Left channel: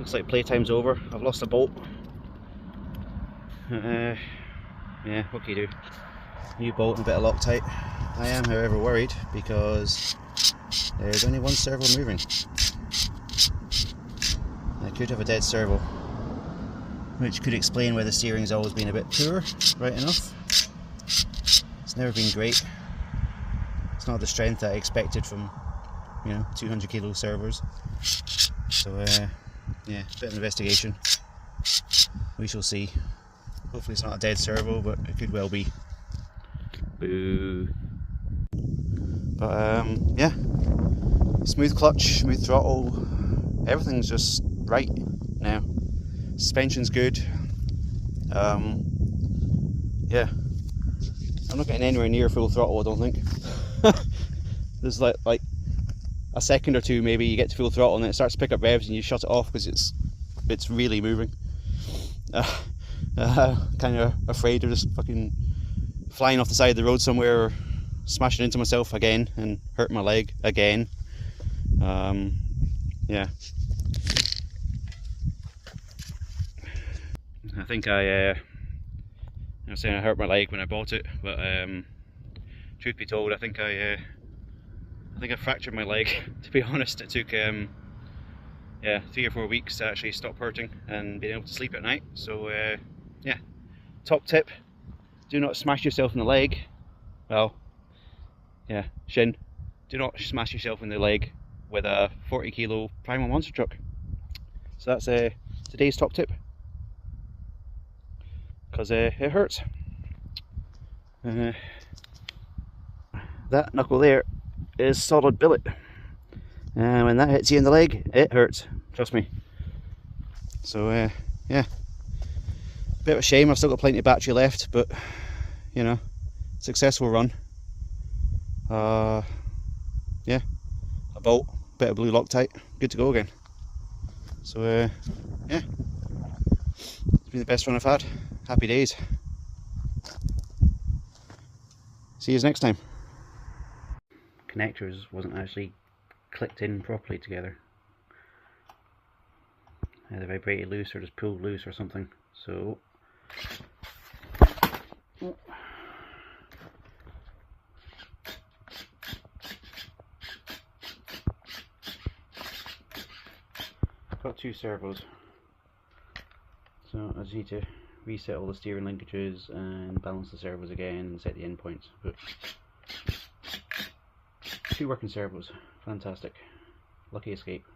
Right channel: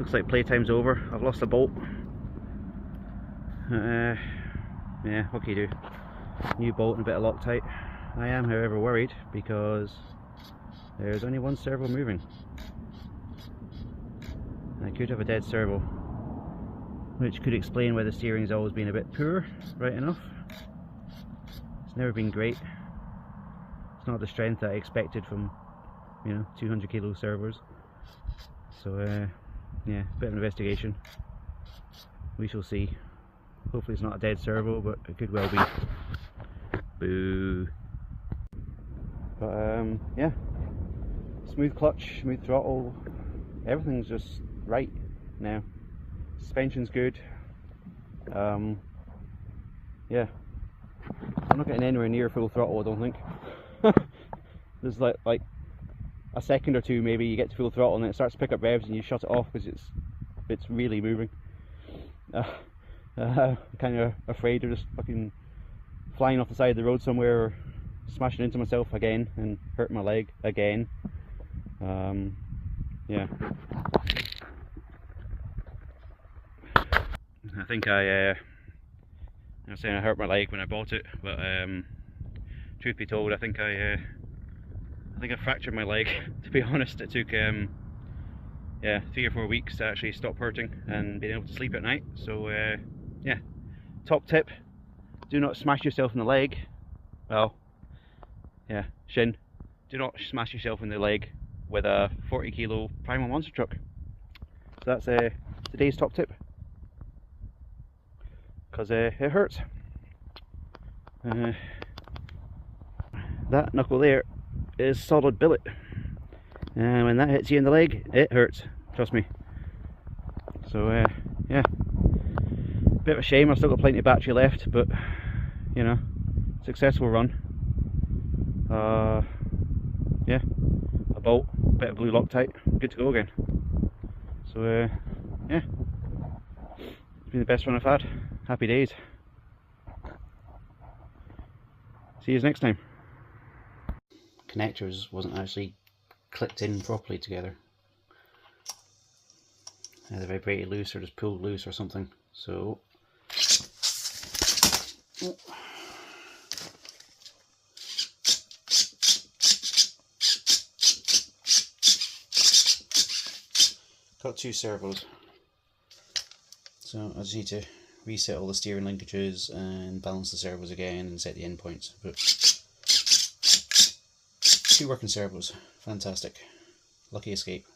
Looks like playtime's over. I've lost a bolt. Yeah, what can you do? New bolt and a bit of Loctite. I am, however, worried because there's only one servo moving. I could have a dead servo, which could explain why the steering's always been a bit poor, right enough. It's never been great. It's not the strength that I expected from, 200 kilo servos. So yeah, bit of investigation. We shall see. Hopefully it's not a dead servo, but it could well be. Boo. But yeah, smooth clutch, smooth throttle, everything's just right now. Suspension's good. Yeah, I'm not getting anywhere near full throttle, I don't think. There's like a second or two maybe you get to full throttle and then it starts to pick up revs and you shut it off because it's really moving. Kind of afraid of just fucking flying off the side of the road somewhere or smashing into myself again and hurting my leg again. Yeah, I think I was saying I hurt my leg when I bought it, but truth be told, I think I fractured my leg. To be honest, it took yeah, 3 or 4 weeks to actually stop hurting and being able to sleep at night. So yeah, top tip: do not smash yourself in the leg. Well, yeah, shin. Do not smash yourself in the leg with a 40 kilo Primal monster truck. So that's today's top tip, because it hurts. That knuckle there is solid billet, and when that hits you in the leg, it hurts, trust me. So yeah, bit of a shame. I've still got plenty of battery left, but successful run. Yeah, a bolt, bit of blue Loctite, good to go again. So yeah, it's been the best run I've had. Happy days. See you next time. Connectors wasn't actually clicked in properly together. Either vibrated loose or just pulled loose or something. So got 2 servos, so I just need to reset all the steering linkages and balance the servos again and set the endpoints. But 2 working servos, fantastic, lucky escape.